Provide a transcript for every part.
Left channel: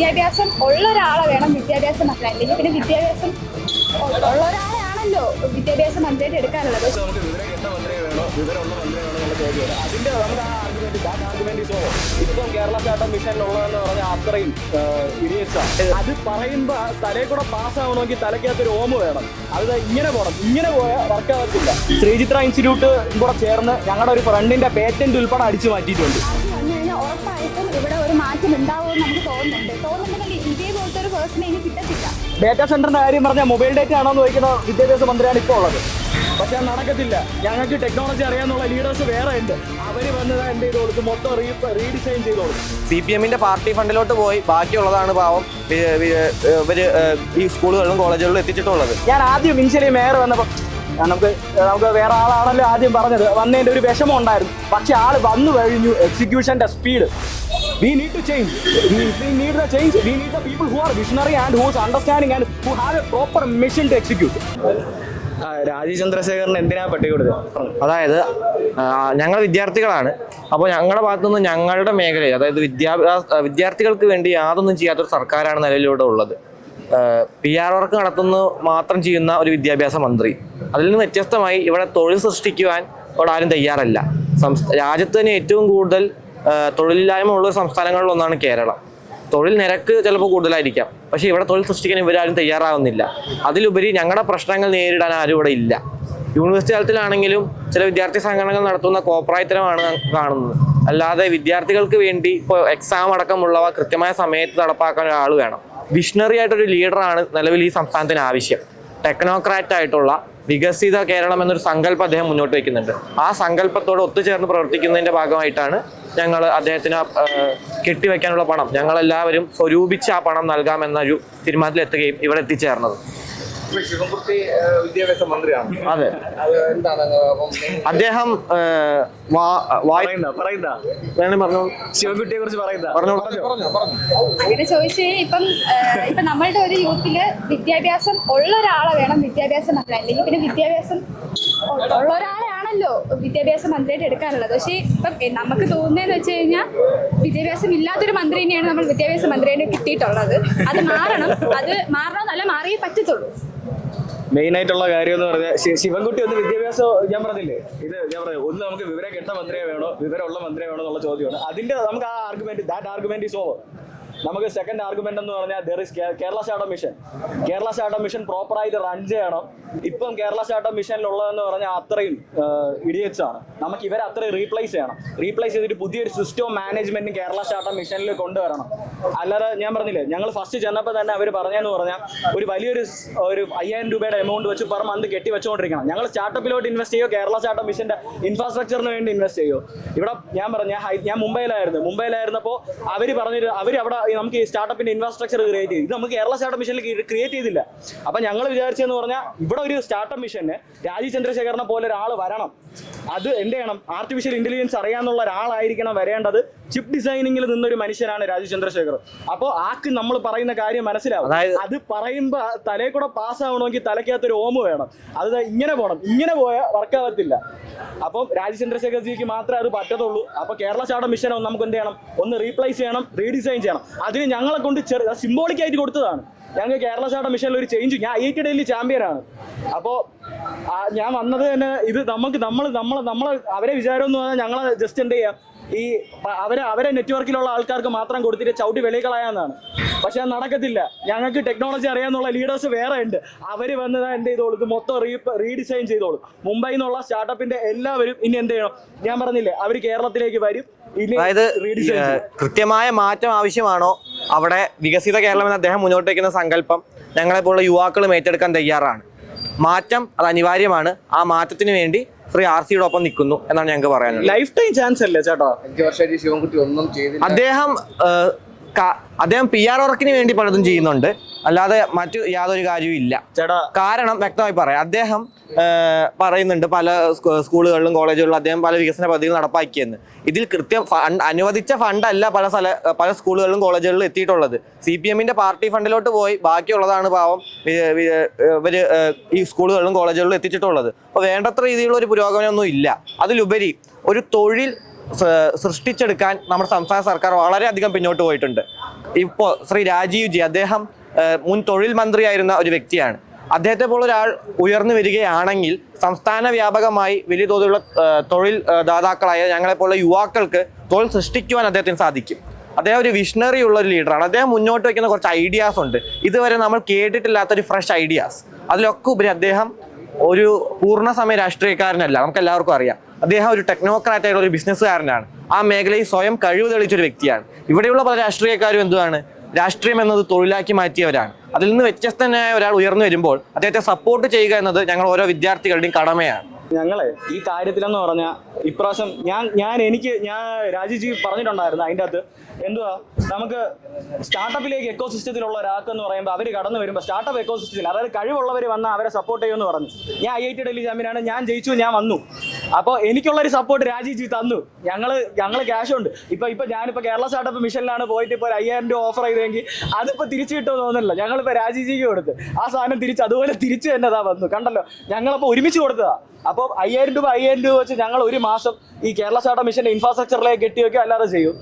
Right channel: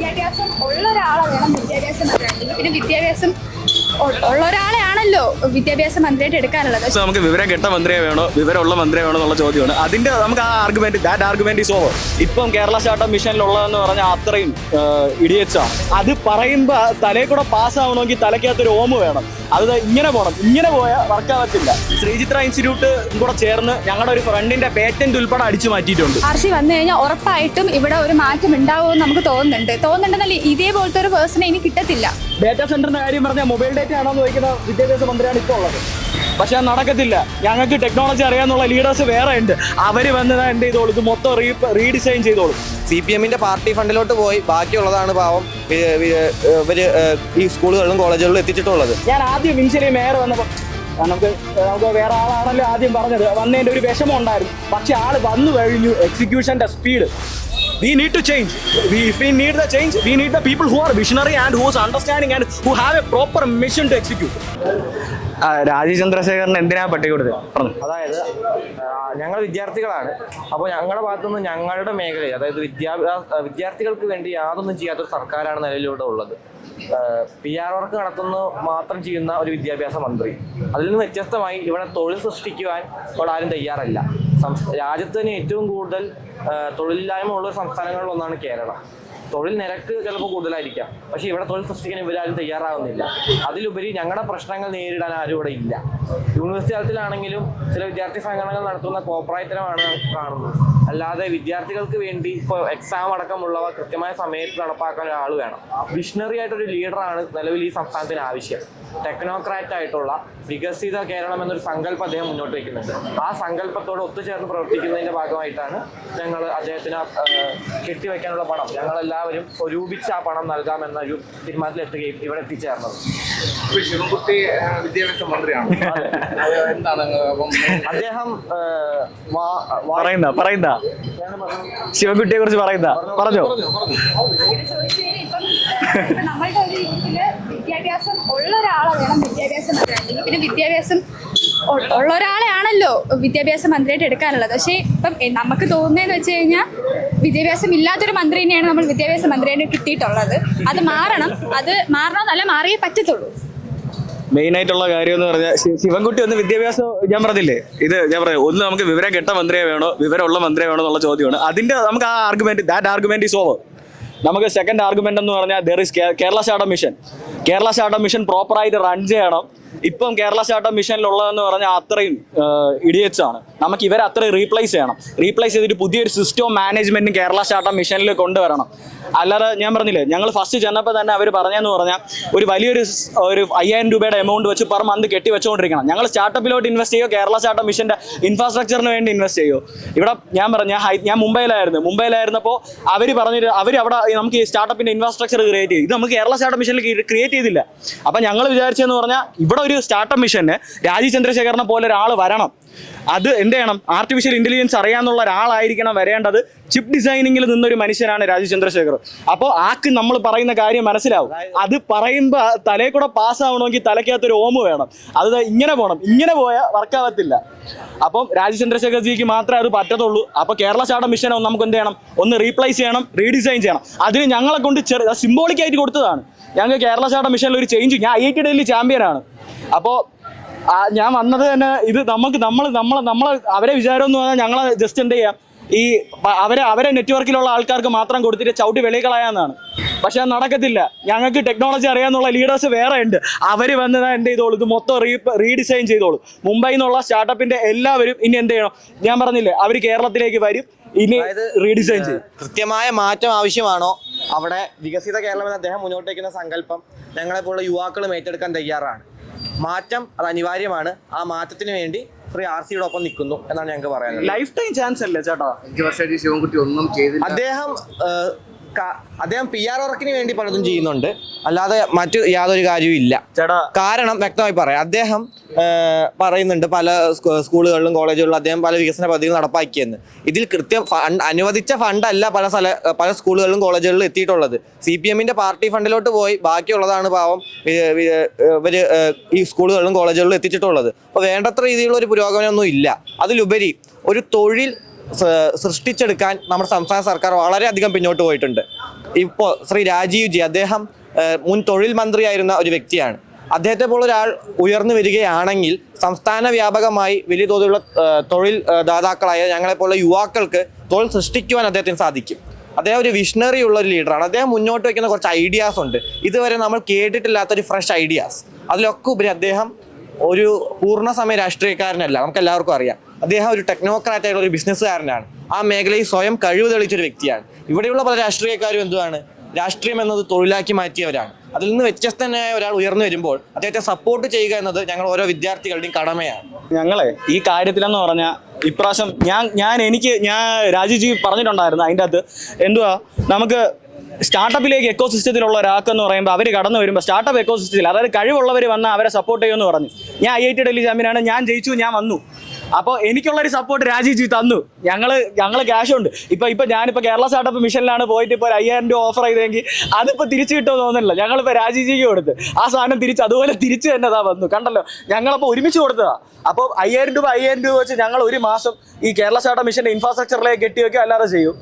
വിദ്യാഭ്യാസം ഉള്ള ഒരാളെ വേണം വിദ്യാഭ്യാസം മന്ത്രി, അല്ലെങ്കിൽ പിന്നെ വിദ്യാഭ്യാസം ഉള്ള ഒരാളെയാണല്ലോ വിദ്യാഭ്യാസ മന്ത്രിയായിട്ട് എടുക്കാനുള്ളത്. നമുക്ക് വിവരം കെട്ട മന്ത്രിയെ വേണോ വിവരമുള്ള മന്ത്രിയെ വേണോ എന്നുള്ള ചോദ്യമാണ്. അതിന്റെ നമുക്ക് ആ ആർഗ്യുമെന്റ് ഈസ് ഓവർ. ഇപ്പം കേരള സ്റ്റാർട്ടപ്പ് മിഷനിലുള്ളതെന്ന് പറഞ്ഞാൽ അത്രയും ഇഡിയറ്റ്സ് ആണ്. അത് പറയുമ്പോ തലയിൽ കൂടെ പാസ്സാവണമെങ്കിൽ തലയ്ക്കകത്തൊരു ഓമ് വേണം. അത് ഇങ്ങനെ പോകണം, ഇങ്ങനെ പോയാൽ വർക്കാവത്തില്ല. ശ്രീചിത്ര ഇൻസ്റ്റിറ്റ്യൂട്ട് കൂടെ ചേർന്ന് ഞങ്ങളുടെ ഒരു ഫ്രണ്ടിന്റെ പേറ്റന്റ് ഉൾപ്പെടെ അടിച്ചു മാറ്റിയിട്ടുണ്ട്. ആർസി വന്നു കഴിഞ്ഞാൽ ഉറപ്പായിട്ടും ഇവിടെ ഒരു മാറ്റം ഉണ്ടാവുമെന്ന് നമുക്ക് തോന്നുന്നുണ്ടെന്നല്ല ഇതേപോലത്തെ ഒരു പേഴ്സണെ ഇനി കിട്ടത്തില്ല. ഡേറ്റാ സെന്ററിന്റെ കാര്യം പറഞ്ഞാൽ മൊബൈൽ ഡേറ്റ ആണോ എന്ന് ചോദിക്കുന്ന വിദ്യാഭ്യാസ മന്ത്രിയാണ് ഇപ്പോൾ ഉള്ളത്. പക്ഷെ അത് നടക്കത്തില്ല. ഞങ്ങൾക്ക് ടെക്നോളജി അറിയാന്നുള്ള ലീഡേഴ്സ് വേറെ ഉണ്ട്. അവര് വന്നത് എന്ത് ചെയ്തോളൂ, ഇത് മൊത്തം റീഡിസൈൻ ചെയ്തോളൂ. CPM-ന്റെ പാർട്ടി ഫണ്ടിലോട്ട് പോയി ബാക്കിയുള്ളതാണ് പാവം ഇവര് ഈ സ്കൂളുകളിലും കോളേജുകളിലും എത്തിച്ചിട്ടുള്ളത്. ഞാൻ ആദ്യം ഇൻഷ്യലി മേയർ വന്നപ്പോൾ നമുക്ക് വേറെ ആളാണല്ലോ ആദ്യം പറഞ്ഞത്, വന്നതിന്റെ ഒരു വിഷമം ഉണ്ടായിരുന്നു. പക്ഷെ ആള് വന്നു കഴിഞ്ഞു, എക്സിക്യൂഷന്റെ speed. We need to change. If we need the change, we need the people who are visionary and who is understanding and who have a proper mission to execute. Rajeev ചന്ദ്രശേഖരന് എന്തിനാ പട്ടി കൊടുത്തത്? അതായത് ഞങ്ങൾ വിദ്യാർത്ഥികളാണ്. അപ്പോൾ ഞങ്ങളുടെ ഭാഗത്തുനിന്ന് ഞങ്ങളുടെ മേഖലയിൽ, അതായത് വിദ്യാർത്ഥികൾക്ക് വേണ്ടി യാതൊന്നും ചെയ്യാത്തൊരു സർക്കാരാണ് നിലവിലൂടെ ഉള്ളത്. PR വർക്ക് നടത്തുന്ന മാത്രം ചെയ്യുന്ന ഒരു വിദ്യാഭ്യാസ മന്ത്രി. അതിൽ നിന്ന് വ്യത്യസ്തമായി ഇവിടെ തൊഴിൽ സൃഷ്ടിക്കുവാൻ ഇവിടെ ആരും തയ്യാറല്ല. രാജ്യത്ത് തന്നെ ഏറ്റവും കൂടുതൽ തൊഴിലില്ലായ്മ ഉള്ള സംസ്ഥാനങ്ങളിലൊന്നാണ് കേരളം. തൊഴിൽ നിരക്ക് ചിലപ്പോൾ കൂടുതലായിരിക്കാം, പക്ഷേ ഇവിടെ തൊഴിൽ സൃഷ്ടിക്കാൻ ഇവരാരും തയ്യാറാവുന്നില്ല. അതിലുപരി ഞങ്ങളുടെ പ്രശ്നങ്ങൾ നേരിടാൻ ആരും ഇവിടെ ഇല്ല. യൂണിവേഴ്സിറ്റി തലത്തിലാണെങ്കിലും ചില വിദ്യാർത്ഥി സംഘടനകൾ നടത്തുന്ന കോപ്രായത്തരമാണ് കാണുന്നത്. അല്ലാതെ വിദ്യാർത്ഥികൾക്ക് വേണ്ടി ഇപ്പോൾ എക്സാം അടക്കമുള്ളവ കൃത്യമായ സമയത്ത് നടപ്പാക്കാൻ ഒരാൾ വേണം. വിഷണറി ആയിട്ടൊരു ലീഡറാണ് നിലവിൽ ഈ സംസ്ഥാനത്തിന് ആവശ്യം. ടെക്നോക്രാറ്റ് ആയിട്ടുള്ള വികസിത കേരളം എന്നൊരു സങ്കല്പം അദ്ദേഹം മുന്നോട്ട് വയ്ക്കുന്നുണ്ട്. ആ സങ്കല്പത്തോട് ഒത്തുചേർന്ന് പ്രവർത്തിക്കുന്നതിന്റെ ഭാഗമായിട്ടാണ് ഞങ്ങൾ അദ്ദേഹത്തിന് കെട്ടിവെക്കാനുള്ള പണം ഞങ്ങളെല്ലാവരും സ്വരൂപിച്ച് ആ പണം നൽകാമെന്നൊരു തീരുമാനത്തിലെത്തുകയും ഇവിടെ എത്തിച്ചേർന്നത്. ശിവൻകുട്ടി വിദ്യാഭ്യാസ മന്ത്രിയാണ്. അതെ, എന്താണ് അദ്ദേഹം ശിവൻകുട്ടിയെ കുറിച്ച് പറഞ്ഞോ. അങ്ങനെ ചോദിച്ചു കഴിഞ്ഞാൽ ഇപ്പം നമ്മളുടെ ഒരു യൂത്തില് വിദ്യാഭ്യാസം ഉള്ള ഒരാളെ വേണം വിദ്യാഭ്യാസ മന്ത്രി, അല്ലെങ്കിൽ പിന്നെ വിദ്യാഭ്യാസം ഉള്ള ഒരാളെയാണല്ലോ വിദ്യാഭ്യാസ മന്ത്രിയായിട്ട് എടുക്കാനുള്ളത്. പക്ഷേ ഇപ്പം നമുക്ക് തോന്നുന്നതെന്ന് വെച്ച് കഴിഞ്ഞാൽ വിദ്യാഭ്യാസം ഇല്ലാത്തൊരു മന്ത്രി തന്നെയാണ് നമ്മൾ വിദ്യാഭ്യാസ മന്ത്രിയായിട്ട് കിട്ടിയിട്ടുള്ളത്. അത് മാറണമെന്നല്ല മാറിയേ പറ്റത്തുള്ളൂ. മെയിൻ ആയിട്ടുള്ള കാര്യം എന്ന് പറഞ്ഞാൽ ശിവൻകുട്ടി ഒന്ന് വിദ്യാഭ്യാസം, ഞാൻ പറഞ്ഞില്ലേ, ഞാൻ പറയാം, ഒന്ന് നമുക്ക് വിവരം കെട്ട മന്ത്രിയെ വേണോ വിവരമുള്ള മന്ത്രിയെ വേണോ എന്നുള്ള ചോദ്യമാണ്. അതിന്റെ നമുക്ക് ആ ആർഗ്യുമെന്റ് ഈസ് ഓവർ. നമുക്ക് സെക്കൻഡ് ആർഗ്യുമെന്റ് എന്ന് പറഞ്ഞാൽ കേരള സ്റ്റാർട്ടപ്പ് മിഷൻ പ്രോപ്പറായിട്ട് റൺ ചെയ്യണം. ഇപ്പം കേരള സ്റ്റാർട്ടപ്പ് മിഷനിലുള്ളതെന്ന് പറഞ്ഞാൽ അത്രയും ഇഡിയറ്റ്സ് ആണ്. നമുക്ക് ഇവരെ അത്രയും റീപ്ലേസ് ചെയ്തിട്ട് പുതിയൊരു സിസ്റ്റവും മാനേജ്മെന്റും കേരള സ്റ്റാർട്ടപ്പ് മിഷനിൽ കൊണ്ടുവരണം. അല്ലാതെ ഞാൻ പറഞ്ഞില്ലേ, ഞങ്ങൾ ഫസ്റ്റ് ചെന്നപ്പോൾ തന്നെ അവർ പറഞ്ഞെന്ന് പറഞ്ഞാൽ ഒരു വലിയൊരു 5,000 രൂപയുടെ എമൗണ്ട് വെച്ച് പെർ മന്ത് കെട്ടി വെച്ചുകൊണ്ടിരിക്കണം. ഞങ്ങൾ സ്റ്റാർട്ടപ്പിലോട്ട് ഇൻവെസ്റ്റ് ചെയ്യുമോ കേരള സ്റ്റാർട്ടപ്പ് മിഷന്റെ ഇൻഫ്രാസ്ട്രക്ചറിന് വേണ്ടി ഇൻവെസ്റ്റ് ചെയ്യുമോ? ഇവിടെ ഞാൻ മുംബൈയിലായിരുന്നപ്പോൾ അവർ അവിടെ നമുക്ക് ഈ സ്റ്റാർട്ടപ്പിന്റെ ഇൻഫ്രാസ്ട്രക്ചർ ക്രിയേറ്റ് ചെയ്യും. ഇത് നമുക്ക് കേരള സ്റ്റാർട്ടപ്പ് മിഷനിൽ ക്രിയേറ്റ് ചെയ്തില്ല. അപ്പം ഞങ്ങൾ വിചാരിച്ചെന്ന് പറഞ്ഞാൽ ഇവിടെ ഒരു സ്റ്റാർട്ടപ്പ് മിഷന് രാജീവ് ചന്ദ്രശേഖരനെ പോലെ ഒരാൾ വരണം. അത് എന്ത് ചെയ്യണം? ആർട്ടിഫിഷ്യൽ ഇന്റലിജൻസ് അറിയാന്നുള്ള ഒരാളായിരിക്കണം വരേണ്ടത്. ചിപ്പ് ഡിസൈനിങ്ങിൽ നിന്നൊരു മനുഷ്യനാണ് രാജീവ് ചന്ദ്രശേഖർ. അപ്പോൾ നമ്മൾ പറയുന്ന കാര്യം മനസ്സിലാവും. അത് പറയുമ്പോൾ തലയിൽ കൂടെ പാസ്സാവണമെങ്കിൽ തലയ്ക്കകത്തൊരു ഓമ് വേണം. അത് ഇങ്ങനെ പോകണം, ഇങ്ങനെ പോയാൽ വർക്കാവത്തില്ല. അപ്പം രാജീവ് ചന്ദ്രശേഖർ ജിക്ക് മാത്രമേ അത് പറ്റത്തുള്ളൂ. അപ്പോൾ കേരള സ്റ്റാർട്ടപ്പ് മിഷനെ നമുക്ക് എന്ത് ചെയ്യണം? ഒന്ന് റീപ്ലേസ് ചെയ്യണം, റീഡിസൈൻ ചെയ്യണം. അതിന് ഞങ്ങളെ കൊണ്ട് സിംബോളിക്കായിട്ട് കൊടുത്തതാണ്. ഞങ്ങൾക്ക് കേരള സ്റ്റാർട്ടപ്പ് മിഷനിൽ ഒരു ചേഞ്ച്. ഞാൻ IIT ഡൽഹി ചാമ്പ്യനാണ്. അപ്പോൾ ഞാൻ വന്നത് തന്നെ ഇത് നമ്മൾ അവരെ വിചാരം എന്ന് പറഞ്ഞാൽ ഞങ്ങളെ ജസ്റ്റ് എന്ത് ചെയ്യാം, ഈ അവരെ നെറ്റ്വർക്കിലുള്ള ആൾക്കാർക്ക് മാത്രം കൊടുത്തിട്ട് ചവിട്ടി വെളികളായെന്നാണ്. പക്ഷെ അത് നടക്കത്തില്ല. ഞങ്ങൾക്ക് ടെക്നോളജി അറിയാന്നുള്ള ലീഡേഴ്സ് വേറെ ഉണ്ട്. അവർ വന്നത് എന്ത് ചെയ്തോളൂ, ഇത് മൊത്തം റീഡിസൈൻ ചെയ്തോളൂ. മുംബൈയിൽ നിന്നുള്ള സ്റ്റാർട്ടപ്പിന്റെ എല്ലാവരും ഇനി എന്ത് ചെയ്യണം? ഞാൻ പറഞ്ഞില്ലേ, അവർ കേരളത്തിലേക്ക് വരും. ഇനി റീഡിസൈൻ ചെയ്യും. കൃത്യമായ മാറ്റം ആവശ്യമാണോ അവിടെ വികസിത കേരളം എന്ന് അദ്ദേഹം മുന്നോട്ട് വയ്ക്കുന്ന സങ്കല്പം ഞങ്ങളെപ്പോലുള്ള യുവാക്കളും ഏറ്റെടുക്കാൻ തയ്യാറാണ്. മാറ്റം അത് അനിവാര്യമാണ്. ആ മാറ്റത്തിന് വേണ്ടി ഫ്രീ RCയുടെ ഒപ്പം നിൽക്കുന്നു എന്നാണ് ഞങ്ങൾക്ക് പറയാനുള്ളത്. ലൈഫ് ടൈം ചാൻസ് അല്ലേ ചേട്ടാ? 5 വർഷമായിട്ട് ശിവൻകുട്ടി ഒന്നും ചെയ്തില്ല. അദ്ദേഹം PR വർക്കിന് വേണ്ടി പലതും ചെയ്യുന്നുണ്ട്, അല്ലാതെ മറ്റു യാതൊരു കാര്യവും ഇല്ല. കാരണം വ്യക്തമായി പറയാം, അദ്ദേഹം പറയുന്നുണ്ട് പല സ്കൂളുകളിലും കോളേജുകളിലും അദ്ദേഹം പല വികസന പദ്ധതികൾ നടപ്പാക്കിയെന്ന്. ഇതിൽ കൃത്യം അനുവദിച്ച ഫണ്ടല്ല പല സ്കൂളുകളിലും കോളേജുകളിലും എത്തിയിട്ടുള്ളത്. CPM-ന്റെ പാർട്ടി ഫണ്ടിലോട്ട് പോയി ബാക്കിയുള്ളതാണ് പാവം ഇവര് ഈ സ്കൂളുകളിലും കോളേജുകളിലും എത്തിച്ചിട്ടുള്ളത്. അപ്പോൾ വേണ്ടത്ര രീതിയിലുള്ള ഒരു പുരോഗമനമൊന്നും ഇല്ല. അതിലുപരി ഒരു തൊഴിൽ സൃഷ്ടിച്ചെടുക്കാൻ നമ്മുടെ സംസ്ഥാന സർക്കാർ വളരെയധികം പിന്നോട്ട് പോയിട്ടുണ്ട്. ഇപ്പോൾ ശ്രീ രാജീവ് ജി, അദ്ദേഹം മുൻ തൊഴിൽ മന്ത്രിയായിരുന്ന ഒരു വ്യക്തിയാണ്. അദ്ദേഹത്തെ പോലെ ഒരാൾ ഉയർന്നു വരികയാണെങ്കിൽ സംസ്ഥാന വ്യാപകമായി വലിയ തോതിലുള്ള തൊഴിൽ ദാതാക്കളായ ഞങ്ങളെപ്പോലുള്ള യുവാക്കൾക്ക് തൊഴിൽ സൃഷ്ടിക്കുവാൻ അദ്ദേഹത്തിന് സാധിക്കും. അദ്ദേഹം ഒരു വിഷണറി ഉള്ള ഒരു ലീഡറാണ്. അദ്ദേഹം മുന്നോട്ട് വയ്ക്കുന്ന കുറച്ച് ഐഡിയാസ് ഉണ്ട്, ഇതുവരെ നമ്മൾ കേട്ടിട്ടില്ലാത്തൊരു ഫ്രഷ് ഐഡിയാസ്. അതിലൊക്കെ ഉപരി അദ്ദേഹം ഒരു പൂർണ്ണസമയ രാഷ്ട്രീയക്കാരനല്ല, നമുക്ക് എല്ലാവർക്കും അറിയാം. അദ്ദേഹം ഒരു ടെക്നോക്രാറ്റ് ആയിട്ടുള്ള ഒരു ബിസിനസ്സുകാരനാണ്. ആ മേഖലയിൽ സ്വയം കഴിവ് തെളിയിച്ചൊരു വ്യക്തിയാണ്. ഇവിടെയുള്ള പല രാഷ്ട്രീയക്കാരും എന്തുവാണ്, രാഷ്ട്രീയം എന്നത് തൊഴിലാക്കി മാറ്റിയവരാണ്. അതിൽ നിന്ന് വ്യത്യസ്തനായ ഒരാൾ ഉയർന്നു വരുമ്പോൾ അദ്ദേഹത്തെ സപ്പോർട്ട് ചെയ്യുക എന്നത് ഞങ്ങൾ ഓരോ വിദ്യാർത്ഥികളുടെയും കടമയാണ്. ഞങ്ങളെ ഈ കാര്യത്തിലെന്ന് പറഞ്ഞാൽ ഇപ്രാവശ്യം ഞാൻ രാജീവ് ജി പറഞ്ഞിട്ടുണ്ടായിരുന്നു അതിൻ്റെ അകത്ത് എന്തുവാ, നമുക്ക് സ്റ്റാർട്ടപ്പിലേക്ക് എക്കോസിസ്റ്റത്തിലുള്ള ഒരാൾക്കെന്ന് പറയുമ്പോൾ അവർ കടന്നു വരുമ്പോൾ സ്റ്റാർട്ടപ്പ് എക്കോസിസ്റ്റത്തിൽ, അതായത് കഴിവുള്ളവർ വന്നാൽ അവരെ സപ്പോർട്ട് ചെയ്യുമെന്ന് പറഞ്ഞു. ഞാൻ IIT ഡൽഹി ചാമ്പ്യനാണ്, ഞാൻ ജയിച്ചു, ഞാൻ വന്നു. അപ്പോൾ എനിക്കുള്ളൊരു സപ്പോർട്ട് രാജീവ് ജി തന്നു. ഞങ്ങൾ ക്യാഷ് ഉണ്ട്. ഇപ്പം ഞാനിപ്പോൾ കേരള സ്റ്റാർട്ടപ്പ് മിഷനിലാണ് പോയിട്ട് ഇപ്പോൾ 5000 രൂപ ഓഫർ ചെയ്തെങ്കിൽ അതിപ്പോൾ തിരിച്ചു കിട്ടുമെന്ന് തോന്നുന്നില്ല. ഞങ്ങളിപ്പോൾ രാജീവ് ജിക്ക് കൊടുത്ത് ആ സാധനം അതുപോലെ തിരിച്ചു തന്നെ വന്നു. കണ്ടല്ലോ, ഞങ്ങളപ്പോൾ ഒരുമിച്ച് കൊടുത്തതാ. അപ്പോൾ 5000 രൂപ വെച്ച് ഞങ്ങൾ ഒരു മാസം ഈ കേരള സ്റ്റാർട്ടപ്പ് മിഷന്റെ ഇൻഫ്രാസ്ട്രക്ചറിലേക്ക് കെട്ടിവെക്കുക അല്ലാതെ ചെയ്യും.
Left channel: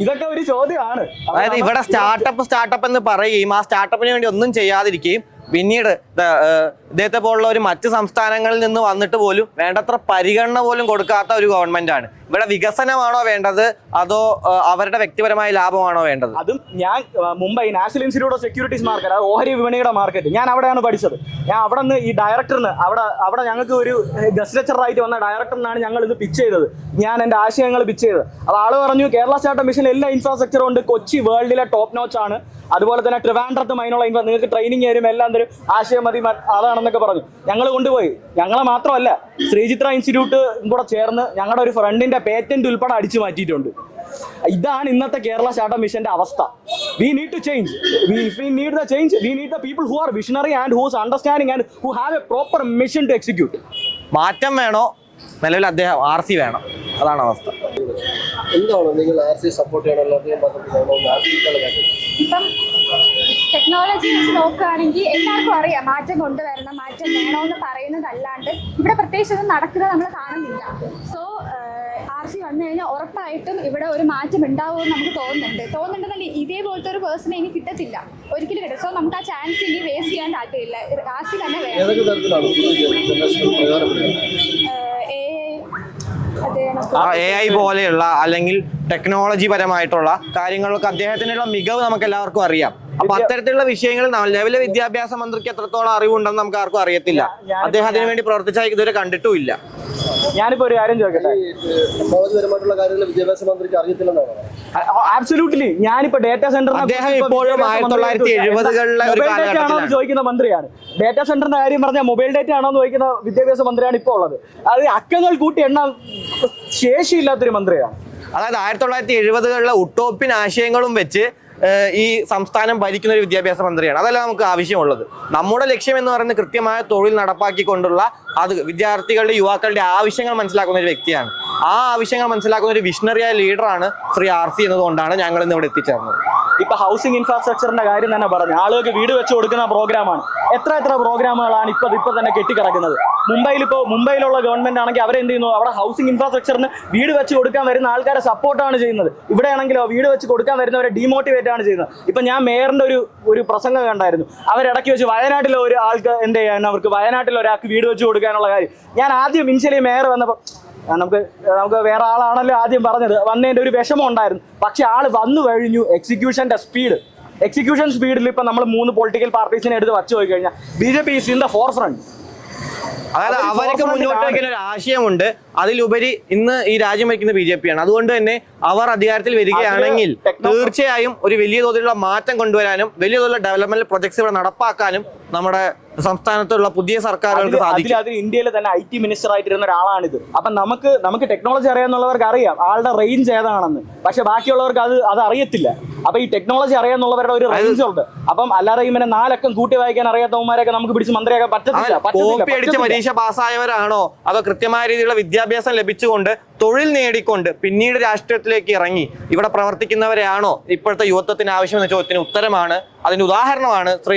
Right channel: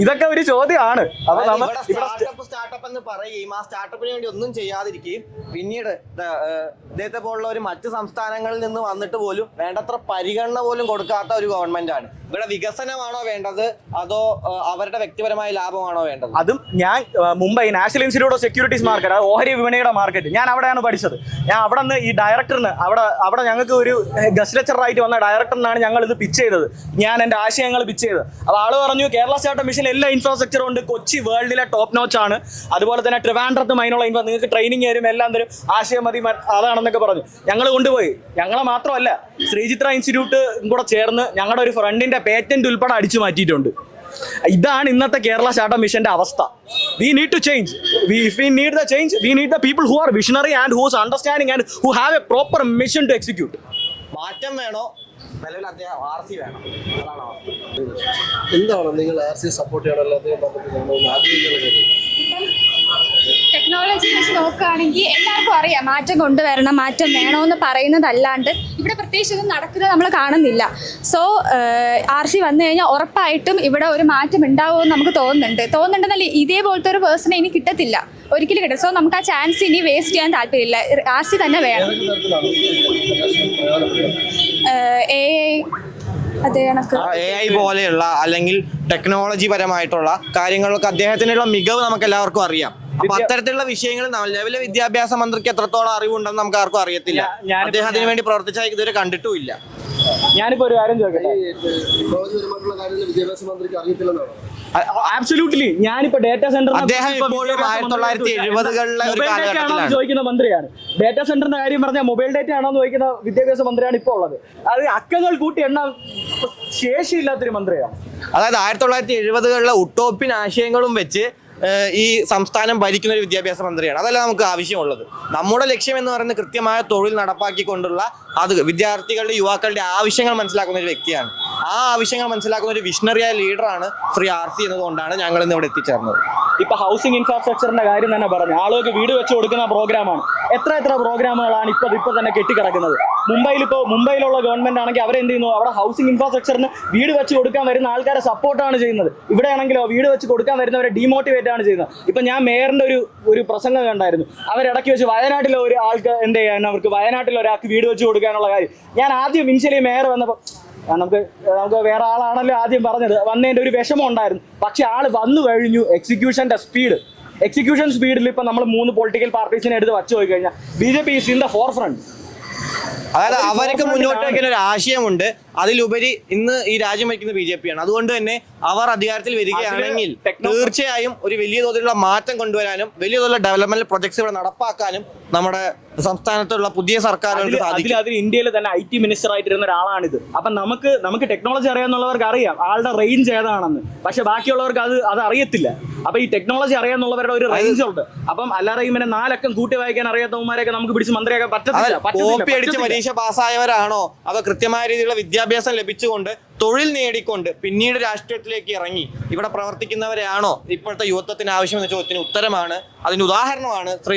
ഇതൊക്കെ ഒരു ചോദ്യമാണ്. അതായത് ഇവിടെ സ്റ്റാർട്ടപ്പ് എന്ന് പറയുകയും ആ സ്റ്റാർട്ടപ്പിന് വേണ്ടി ഒന്നും ചെയ്യാതിരിക്കുകയും പിന്നീട് ഇദ്ദേഹത്തെ പോലുള്ള ഒരു മറ്റ് സംസ്ഥാനങ്ങളിൽ നിന്ന് വന്നിട്ട് പോലും വേണ്ടത്ര പരിഗണന പോലും കൊടുക്കാത്ത ഒരു ഗവൺമെന്റ് ആണ്. ഇവിടെ വികസനമാണോ വേണ്ടത് അതോ അവരുടെ വ്യക്തിപരമായ ലാഭമാണോ വേണ്ടത്? അതും ഞാൻ Mumbai national institute of securities market, അത് ഓഹരി വിപണിയുടെ മാർക്കറ്റ്, ഞാൻ അവിടെയാണ് പഠിച്ചത്. ഞാൻ അവിടെ നിന്ന് ഈ ഡയറക്ടറിന് അവിടെ ഞങ്ങൾക്ക് ഒരു ഗസ്റ്റ് ലെക്ചറായിട്ട് വന്ന ഡയറക്ടറിനാണ് ഞങ്ങൾ ഇത് പിച്ച് ചെയ്തത്. ഞാൻ എൻ്റെ ആശയങ്ങൾ പിച്ച് ചെയ്തത്. അപ്പോൾ ആള് പറഞ്ഞു കേരള സ്റ്റാർട്ടപ്പ് മിഷൻ എല്ലാ ഇൻഫ്രാസ്ട്രക്ചറും ഉണ്ട്, കൊച്ചി വേൾഡിലെ ടോപ്പ് നോച്ച് ആണ്, അതുപോലെ തന്നെ ട്രിവാൻഡ്രത്തും അതിനുള്ള നിങ്ങൾക്ക് ട്രെയിനിങ് തരും, എല്ലാം തരും, ആശയം മതി അതാണെന്നൊക്കെ പറഞ്ഞു. ഞങ്ങൾ കൊണ്ടുപോയി. ഞങ്ങളെ മാത്രമല്ല, ശ്രീചിത്ര ഇൻസ്റ്റിറ്റ്യൂട്ട് കൂടെ ചേർന്ന് ഞങ്ങളുടെ ഒരു ഫ്രണ്ടിന്റെ പേറ്റന്റ് ഉൾപ്പെടെ അടിച്ചു മാറ്റിയിട്ടുണ്ട്. ഇതാണ് ഇന്നത്തെ കേരള സ്റ്റാർട്ടപ്പ് മിഷന്റെ അവസ്ഥ. We need to change. If we need the change, we need the people who are visionary and who is understanding and who have a proper mission to execute. മാറ്റം വേണോ, നിലവിൽ അദ്ദേഹം RC വേണം, അതാണ് അവസ്ഥ. എന്താണ് നിങ്ങൾ RC സപ്പോർട്ട് ചെയ്യണമല്ലോ? ഇപ്പം ടെക്നോളജി വെച്ച് നോക്കുകയാണെങ്കിൽ എല്ലാവർക്കും അറിയാം മാറ്റം കൊണ്ടുവരണം, മാറ്റം വേണമെന്ന് പറയുന്നതല്ലാണ്ട് ഇവിടെ പ്രത്യേകിച്ച് ഒന്നും നടക്കുന്നത് നമ്മൾ കാണുന്നില്ല. സോ RC വന്നു കഴിഞ്ഞാൽ ഉറപ്പായിട്ടും ഇവിടെ ഒരു മാറ്റം ഉണ്ടാവുമെന്ന് നമുക്ക് തോന്നുന്നുണ്ടെന്നല്ല, ഇതേപോലത്തെ ഒരു പേഴ്സണെ ഇനി കിട്ടത്തില്ല, ഒരിക്കലും കിട്ടും. സോ നമുക്ക് ആ ചാൻസ് ഇനി വേസ്റ്റ് ചെയ്യാൻ താല്പര്യമില്ല, RC തന്നെ വേണം. AI പോലെയുള്ള അല്ലെങ്കിൽ ടെക്നോളജി പരമായിട്ടുള്ള കാര്യങ്ങളൊക്കെ അദ്ദേഹത്തിനുള്ള മികവ് നമുക്ക് എല്ലാവർക്കും അറിയാം. അപ്പൊ അത്തരത്തിലുള്ള വിഷയങ്ങൾ നിലവിലെ വിദ്യാഭ്യാസ മന്ത്രിക്ക് എത്രത്തോളം അറിവുണ്ടെന്ന് നമുക്ക് ആർക്കും അറിയത്തില്ല. അദ്ദേഹം അതിനു വേണ്ടി പ്രവർത്തിച്ചാൽ ഇതുവരെ കണ്ടിട്ടുമില്ല. ഞാനിപ്പോ ഒരു കാര്യം ചോദിക്കട്ടെ, ടെക്നോളജിപരമായിട്ടുള്ള കാര്യങ്ങൾ വിദ്യാഭ്യാസ മന്ത്രിക്ക് അറിയത്തില്ലെന്നാണ്? ആബ്സല്യൂട്ട്ലി. ഞാനിപ്പോ ഡേറ്റാ സെന്റർ ചോദിക്കുന്ന മന്ത്രിയാണ്. ഡേറ്റാ സെന്ററിന്റെ കാര്യം പറഞ്ഞാൽ മൊബൈൽ ഡേറ്റ ആണോ എന്ന് ചോദിക്കുന്ന വിദ്യാഭ്യാസ മന്ത്രിയാണ് ഇപ്പോൾ ഉള്ളത്. അത് അക്കങ്ങൾ കൂട്ടി എണ്ണ ശേഷിയില്ലാത്തൊരു മന്ത്രിയാണ്. അതായത് 1970-കളിലെ ഉട്ടോപ്യൻ ആശയങ്ങളും വെച്ച് ഈ സംസ്ഥാനം ഭരിക്കുന്ന ഒരു വിദ്യാഭ്യാസ മന്ത്രിയാണ്. അതല്ല നമുക്ക് ആവശ്യമുള്ളത്. നമ്മുടെ ലക്ഷ്യം എന്ന് പറയുന്നത് കൃത്യമായ തൊഴിൽ നടപ്പാക്കിക്കൊണ്ടുള്ള അത് വിദ്യാർത്ഥികളുടെ യുവാക്കളുടെ ആവശ്യങ്ങൾ മനസ്സിലാക്കുന്ന ഒരു വ്യക്തിയാണ്. ആ ആവശ്യങ്ങൾ മനസ്സിലാക്കുന്ന ഒരു വിഷണറിയായ ലീഡറാണ് ശ്രീ RC എന്നതുകൊണ്ടാണ് ഞങ്ങൾ ഇന്ന് ഇവിടെ എത്തിച്ചേർന്നത്. ഇപ്പൊ ഹൗസിംഗ് ഇൻഫ്രാസ്ട്രക്ചറിന്റെ കാര്യം തന്നെ പറഞ്ഞു, ആളുകൾക്ക് വീട് വെച്ച് കൊടുക്കുന്ന പ്രോഗ്രാമാണ്. എത്ര പ്രോഗ്രാമുകളാണ് ഇപ്പൊ തന്നെ കെട്ടിക്കിടക്കുന്നത്. മുംബൈയിലുള്ള ഗവൺമെന്റ് ആണെങ്കിൽ അവരെന്ത് ചെയ്യുന്നു, അവിടെ ഹൗസിംഗ് ഇൻഫ്രാസ്ട്രക്ചറിന് വീട് വെച്ച് കൊടുക്കാൻ വരുന്ന ആൾക്കാരെ സപ്പോർട്ടാണ് ചെയ്യുന്നത്. ഇവിടെയാണെങ്കിലോ വീട് വെച്ച് കൊടുക്കാൻ വരുന്നവരെ ഡീമോട്ടിവേറ്റ് ആണ് ചെയ്യുന്നത്. ഇപ്പൊ ഞാൻ മേയറിന്റെ ഒരു പ്രസംഗം കണ്ടായിരുന്നു. അവരിടയ്ക്ക് വെച്ച് വയനാട്ടിലെ ഒരു ആൾക്ക് എന്ത് ചെയ്യാൻ, അവർക്ക് വയനാട്ടിൽ ഒരാൾക്ക് വീട് വെച്ച് കൊടുക്കാനുള്ള കാര്യം. ഞാൻ ആദ്യം ഇനിഷ്യലി മേയർ വന്നപ്പോൾ നമുക്ക് വേറെ ആളാണല്ലോ ആദ്യം പറഞ്ഞത്, വന്നതിൻ്റെ ഒരു വിഷമം ഉണ്ടായിരുന്നു. പക്ഷെ ആള് വന്നു കഴിഞ്ഞു. എക്സിക്യൂഷൻ സ്പീഡിൽ ഇപ്പം നമ്മൾ 3 പൊളിറ്റിക്കൽ പാർട്ടീസിനെ എടുത്ത് വച്ചു പോയി കഴിഞ്ഞാൽ BJP is in the forefront. അതായത് അവർക്ക് മുന്നോട്ട് വയ്ക്കുന്ന ഒരു ആശയമുണ്ട്. അതിലുപരി ഇന്ന് ഈ രാജ്യം ഭരിക്കുന്ന BJP ആണ്. അതുകൊണ്ട് തന്നെ അവർ അധികാരത്തിൽ വരികയാണെങ്കിൽ തീർച്ചയായും ഒരു വലിയ തോതിലുള്ള മാറ്റം കൊണ്ടുവരാനും വലിയ തോതിലുള്ള ഡെവലപ്മെന്റ് പ്രൊജക്ട്സ് ഇവിടെ നടപ്പാക്കാനും നമ്മുടെ സംസ്ഥാനത്തുള്ള പുതിയ സർക്കാരുകൾക്ക് സാധിക്കും. അതിൽ ഇന്ത്യയിൽ തന്നെ IT മിനിസ്റ്റർ ആയിട്ടിരുന്ന ഒരാളാണിത്. അപ്പം നമുക്ക് ടെക്നോളജി അറിയാന്നുള്ളവർക്ക് അറിയാം ആളുടെ റേഞ്ച് ഏതാണെന്ന്. പക്ഷെ ബാക്കിയുള്ളവർക്ക് അത് അറിയത്തില്ല. അപ്പൊ ഈ ടെക്നോളജി അറിയാന്നുള്ളവരുടെ ഒരു റേഞ്ച് ഉണ്ട്. അപ്പം അല്ലാതെ ഇങ്ങനെ 4 അക്കം കൂട്ടി വായിക്കാൻ അറിയാത്തവന്മാരെയൊക്കെ നമുക്ക് പിടിച്ച് മന്ത്രിയാക്കാൻ പറ്റത്തില്ല. കോപ്പി അടിച്ച് പരീക്ഷ പാസ്സായവരാണോ അതോ കൃത്യമായ രീതിയിലുള്ള വിദ്യാഭ്യാസം ലഭിച്ചുകൊണ്ട് തൊഴിൽ നേടിക്കൊണ്ട് പിന്നീട് രാഷ്ട്രീയത്തിലേക്ക് ഇറങ്ങി ഇവിടെ പ്രവർത്തിക്കുന്നവരെയാണോ ഇപ്പോഴത്തെ യുവത്വത്തിന് ആവശ്യമെന്ന ചോദ്യത്തിന് ഉത്തരമാണ്, അതിന്റെ ഉദാഹരണമാണ് ശ്രീ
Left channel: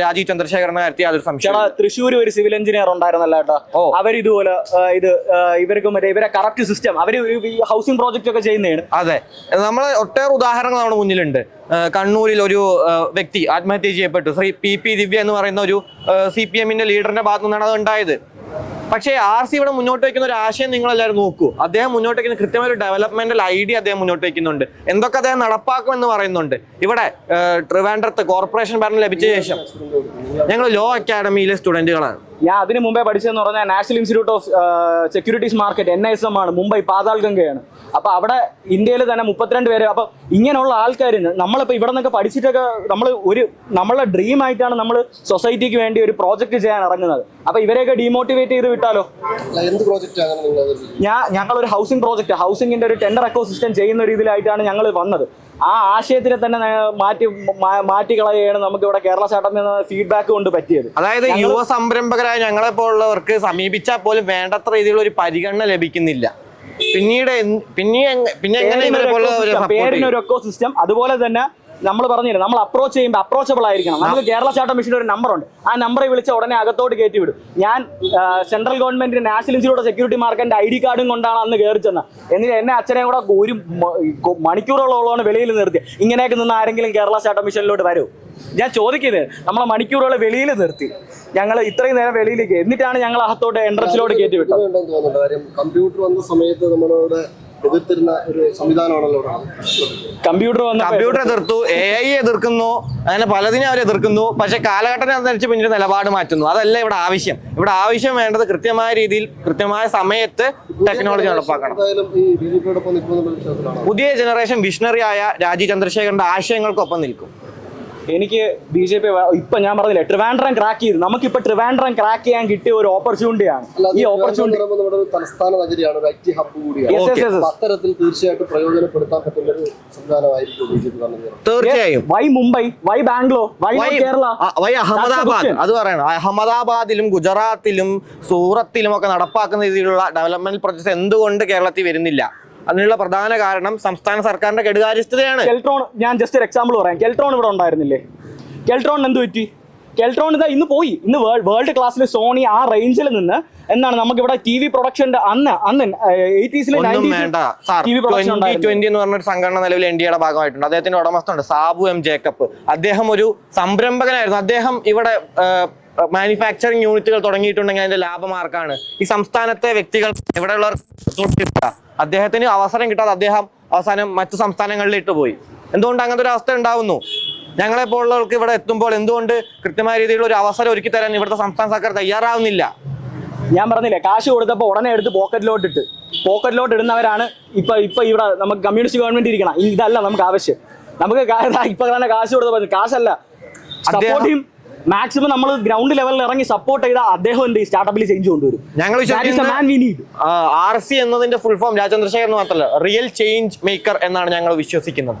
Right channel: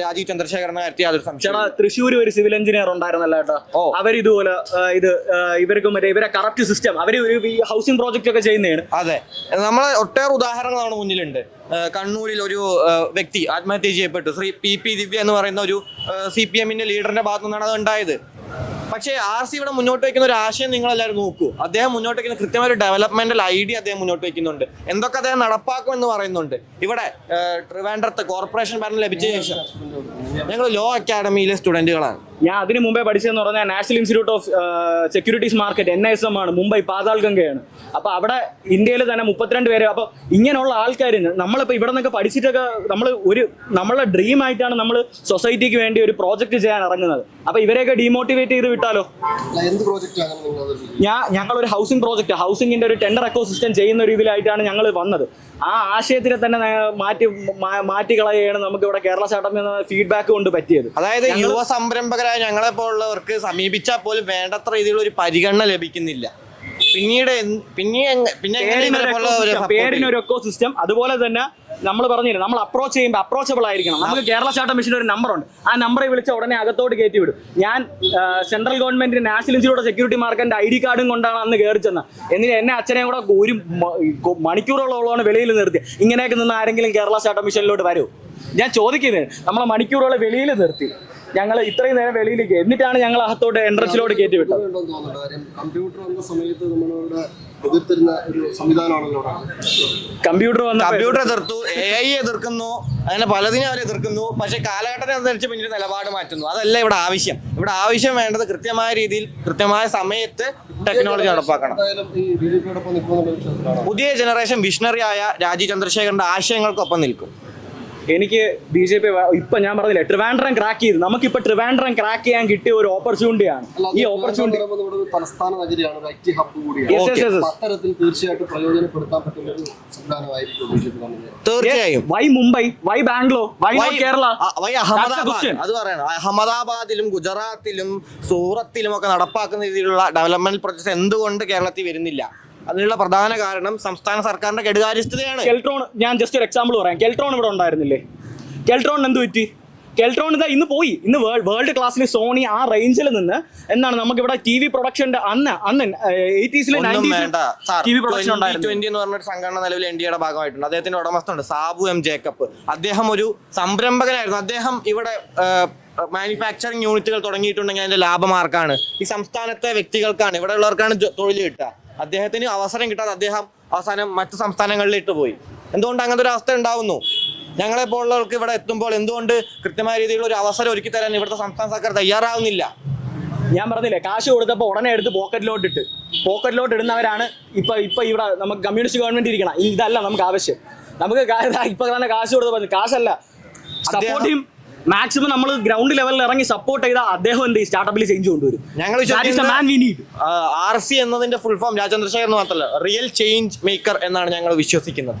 രാജീവ് ചന്ദ്രശേഖരനെ നടത്തിയ അതൊരു സംശയം. തൃശ്ശൂർ ഒരു സിവിൽ എഞ്ചിനീയർ ഉണ്ടായിരുന്നല്ലോ കേട്ടോ. അവരിതുപോലെ ഇവർക്ക് മറ്റേ ഇവരെ കറപ്റ്റ് സിസ്റ്റം അവര് ഈ ഹൗസിംഗ് പ്രോജക്റ്റ് ഒക്കെ ചെയ്യുന്നതാണ്. അതെ, നമ്മൾ ഒട്ടേറെ ഉദാഹരണങ്ങൾ നമ്മുടെ മുന്നിലുണ്ട്. കണ്ണൂരിൽ ഒരു വ്യക്തി ആത്മഹത്യ ചെയ്യപ്പെട്ടു. ശ്രീ PP ദിവ്യ എന്ന് പറയുന്ന ഒരു CPM-ന്റെ ലീഡറിന്റെ ഭാഗത്തു നിന്നാണ് അത് ഉണ്ടായത്. പക്ഷേ RC ഇവിടെ മുന്നോട്ട് വയ്ക്കുന്ന ഒരു ആശയം നിങ്ങൾ എല്ലാവരും നോക്കൂ. അദ്ദേഹം മുന്നോട്ട് വയ്ക്കുന്ന കൃത്യമായ ഒരു ഡെവലപ്മെന്റൽ ഐഡിയ അദ്ദേഹം മുന്നോട്ട് വയ്ക്കുന്നുണ്ട്. എന്തൊക്കെ അദ്ദേഹം നടപ്പാക്കുമെന്ന് പറയുന്നുണ്ട്. ഇവിടെ ട്രിവാൻഡ്രത്ത് കോർപ്പറേഷൻ ഭരണം ലഭിച്ച ശേഷം ഞങ്ങൾ ലോ അക്കാഡമിയിലെ സ്റ്റുഡന്റുകളാണ്. ഞാൻ അതിന് മുമ്പേ പഠിച്ചതെന്ന് പറഞ്ഞാൽ national institute of securities market NISM ആണ്, മുംബൈ പാതാൾഗംഗയാണ്. അപ്പൊ അവിടെ ഇന്ത്യയിൽ തന്നെ 32 പേര്. അപ്പൊ ഇങ്ങനെയുള്ള ആൾക്കാർ നമ്മളിപ്പോ ഇവിടെ നിന്നൊക്കെ പഠിച്ചിട്ടൊക്കെ നമ്മളുടെ ഡ്രീം ആയിട്ടാണ് നമ്മൾ സൊസൈറ്റിക്ക് വേണ്ടി ഒരു പ്രോജക്റ്റ് ചെയ്യാൻ ഇറങ്ങുന്നത്. അപ്പൊ ഇവരെയൊക്കെ ഡീമോട്ടിവേറ്റ് ചെയ്ത് വിട്ടാലോ? ഞങ്ങളൊരു ഹൗസിംഗ് പ്രോജക്റ്റ്, ഹൗസിംഗിന്റെ ഒരു ടെൻഡർ എക്കോസിസ്റ്റം ചെയ്യുന്ന ഒരു ഇതിലായിട്ടാണ് ഞങ്ങൾ വന്നത്. ആ ആശയത്തിനെ തന്നെ മാറ്റി കളയുകയാണ് നമുക്ക് ഇവിടെ കേരള സ്റ്റാർട്ടപ്പ് എന്ന ഫീഡ്ബാക്ക് കൊണ്ട് പറ്റിയത്. അതായത് യുവ സംരംഭകരായ ഞങ്ങളെ പോലുള്ളവർക്ക് സമീപിച്ചാൽ പോലും വേണ്ടത്ര രീതിയിലുള്ള ഒരു പരിഗണന ലഭിക്കുന്നില്ല. പേരിനൊരു എക്കോ സിസ്റ്റം. അതുപോലെ തന്നെ നമ്മൾ പറഞ്ഞില്ല, നമ്മൾ അപ്രോച്ച് ചെയ്യുമ്പോൾ അപ്രോച്ചബിൾ ആയിരിക്കണം. നമുക്ക് കേരള സ്റ്റാർട്ടപ്പ് മിഷന്റെ ഒരു നമ്പറുണ്ട്. ആ നമ്പറിൽ വിളിച്ച ഉടനെ അകത്തോട്ട് കയറ്റി വിടും. ഞാൻ സെൻട്രൽ ഗവൺമെന്റിന്റെ നാഷണൽ ഇൻസ്റ്റിറ്റ്യൂട്ട് ഓഫ് സെക്യൂരിറ്റി മാർക്കറ്റിന്റെ ID കാർഡും കൊണ്ടാണ് അന്ന് കയറി ചെന്നത്. എന്നിട്ട് എന്നെ അച്ഛനെ കൂടെ ഒരു മണിക്കൂറോളമാണ് വെളിയിൽ നിർത്തി. ഇങ്ങനെയൊക്കെ നിന്ന് ആരെങ്കിലും കേരള സ്റ്റാർട്ടപ്പ് മിഷനിലോട്ട് വരും? ഞാൻ ചോദിക്കുന്നത്, നമ്മളെ മണിക്കൂറുകളെ വെളിയിൽ നിർത്തി. ഞങ്ങൾ ഇത്രയും നേരം വെളിയിലേക്ക്, എന്നിട്ടാണ് ഞങ്ങൾ അകത്തോട്ട് എൻട്രൻസിലോട്ട് കയറ്റി വിട്ടത്. കമ്പ്യൂട്ടർ വന്ന സമയത്ത് നമ്മളോട് എതിർത്തിരുന്ന ഒരു സംവിധാനമാണല്ലോ. കമ്പ്യൂട്ടർ എതിർത്തു, AI എതിർക്കുന്നു, അങ്ങനെ പലതിനും അവർ എതിർക്കുന്നു. പക്ഷെ കാലഘട്ടത്തെ അനുസരിച്ച് പിന്നീട് നിലപാട് മാറ്റുന്നു. അതല്ല ഇവിടെ ആവശ്യം. ഇവിടെ ആവശ്യം വേണ്ടത് കൃത്യമായ രീതിയിൽ കൃത്യമായ സമയത്ത് ടെക്നോളജി നടപ്പാക്കണം. പുതിയ ജനറേഷൻ വിഷണറി ആയ രാജീവ് ചന്ദ്രശേഖരന്റെ ആശയങ്ങൾക്കൊപ്പം നിൽക്കും. എനിക്ക് BJP ഇപ്പൊ ഞാൻ പറഞ്ഞില്ലേ, ട്രിവാൻഡ്രം ക്രാക്ക് ചെയ്തു. നമുക്കിപ്പോ ട്രിവാൻഡ്രം ക്രാക്ക് ചെയ്യാൻ കിട്ടിയ ഒരു ഓപ്പർച്യൂണിറ്റിയാണ്. ഈ ഓപ്പർച്യൂണിറ്റി നമ്മുടെ തലസ്ഥാന നഗരിയാണ്, ഒരു IT ഹബ്ബ് കൂടിയാണ്. അത്തരത്തിൽ തീർച്ചയായിട്ടും പ്രയോജനപ്പെടുത്താൻ പറ്റുന്ന ഒരു സംവിധാനമായിരിക്കും BJP. തീർച്ചയായും. Why Mumbai, why Bangalore, why Kerala, why Ahmedabad? അത് പറയണം. അഹമ്മദാബാദിലും ഗുജറാത്തിലും സൂറത്തിലും ഒക്കെ നടപ്പാക്കുന്ന രീതിയിലുള്ള ഡെവലപ്മെന്റ് പ്രോജക്ട്സ് എന്തുകൊണ്ട് കേരളത്തിൽ വരുന്നില്ല? അതിനുള്ള പ്രധാന കാരണം സംസ്ഥാന സർക്കാരിന്റെ കെടുകാര്യസ്ഥതയാണ്. കെൽട്രോൺ, ഞാൻ ജസ്റ്റ് ഒരു എക്സാമ്പിൾ പറയാം. കെൽട്രോൺ ഇവിടെ ഉണ്ടായിരുന്നില്ലേ? കെൽട്രോൺ എന്ത് പറ്റി? കെൽട്രോൺ ഇതാ ഇന്ന് പോയി. ഇന്ന് വേൾഡ് ക്ലാസ്സിൽ സോണി ആ റേഞ്ചിൽ നിന്ന് എന്നാണ് നമുക്ക് ഇവിടെ TV പ്രൊഡക്ഷന്റെ അന്ന് 80s 90s TV പ്രൊഡക്ഷൻ ഉണ്ടായിരുന്നു. 20 എന്ന് പറഞ്ഞൊരു സംഘടന നിലവിൽ NDAയുടെ ഭാഗമായിട്ടുണ്ട്. അദ്ദേഹത്തിന്റെ ഉടമസ്ഥനുണ്ട് സാബു M ജേക്കബ്. അദ്ദേഹം ഒരു സംരംഭകനായിരുന്നു. അദ്ദേഹം ഇവിടെ മാനുഫാക്ചറിങ് യൂണിറ്റുകൾ തുടങ്ങിയിട്ടുണ്ടെങ്കിൽ അതിന്റെ ലാഭമാർക്കാണ്, ഈ സംസ്ഥാനത്തെ വ്യക്തികൾക്കാണ്, ഇവിടെ ഉള്ളവർക്കാണ് തൊഴിൽ കിട്ടുക. അദ്ദേഹത്തിന് അവസരം കിട്ടാതെ അദ്ദേഹം അവസാനം മറ്റു സംസ്ഥാനങ്ങളിലിട്ട് പോയി. എന്തുകൊണ്ട് അങ്ങനത്തെ ഒരു അവസ്ഥ ഉണ്ടാവുന്നു? ഞങ്ങളെ പോലുള്ളവർക്ക് ഇവിടെ എത്തുമ്പോൾ എന്തുകൊണ്ട് കൃത്യമായ രീതിയിലുള്ള ഒരു അവസരം ഒരുക്കി തരാൻ ഇവിടുത്തെ സംസ്ഥാന സർക്കാർ തയ്യാറാവുന്നില്ല? ഞാൻ പറഞ്ഞില്ലേ, കാശ് കൊടുത്തപ്പോൾ ഉടനെ എടുത്ത് പോക്കറ്റിലോട്ട് ഇടുന്നവരാണ് ഇപ്പൊ ഇവിടെ നമുക്ക് കമ്മ്യൂണിസ്റ്റ് ഗവൺമെന്റ് ഇരിക്കണം. ഇതല്ല നമുക്ക് ആവശ്യം. നമുക്ക് ഇപ്പൊ തന്നെ കാശ് കൊടുത്ത കാശല്ല, സപ്പോർട്ട് ചെയ്യും. മാക്സിമം നമ്മൾ ഗ്രൗണ്ട് ലെവലിൽ ഇറങ്ങി സപ്പോർട്ട് ചെയ്താൽ അദ്ദേഹം എന്ത് സ്റ്റാർട്ടപ്പിൽ ചേഞ്ച് കൊണ്ടുവരും. RC എന്നതിന്റെ ഫുൾ ഫോം രാജചന്ദ്രശേഖരൻ മാത്രമല്ല, റിയൽ ചേഞ്ച് മേക്കർ എന്നാണ് ഞങ്ങൾ വിശ്വസിക്കുന്നത്.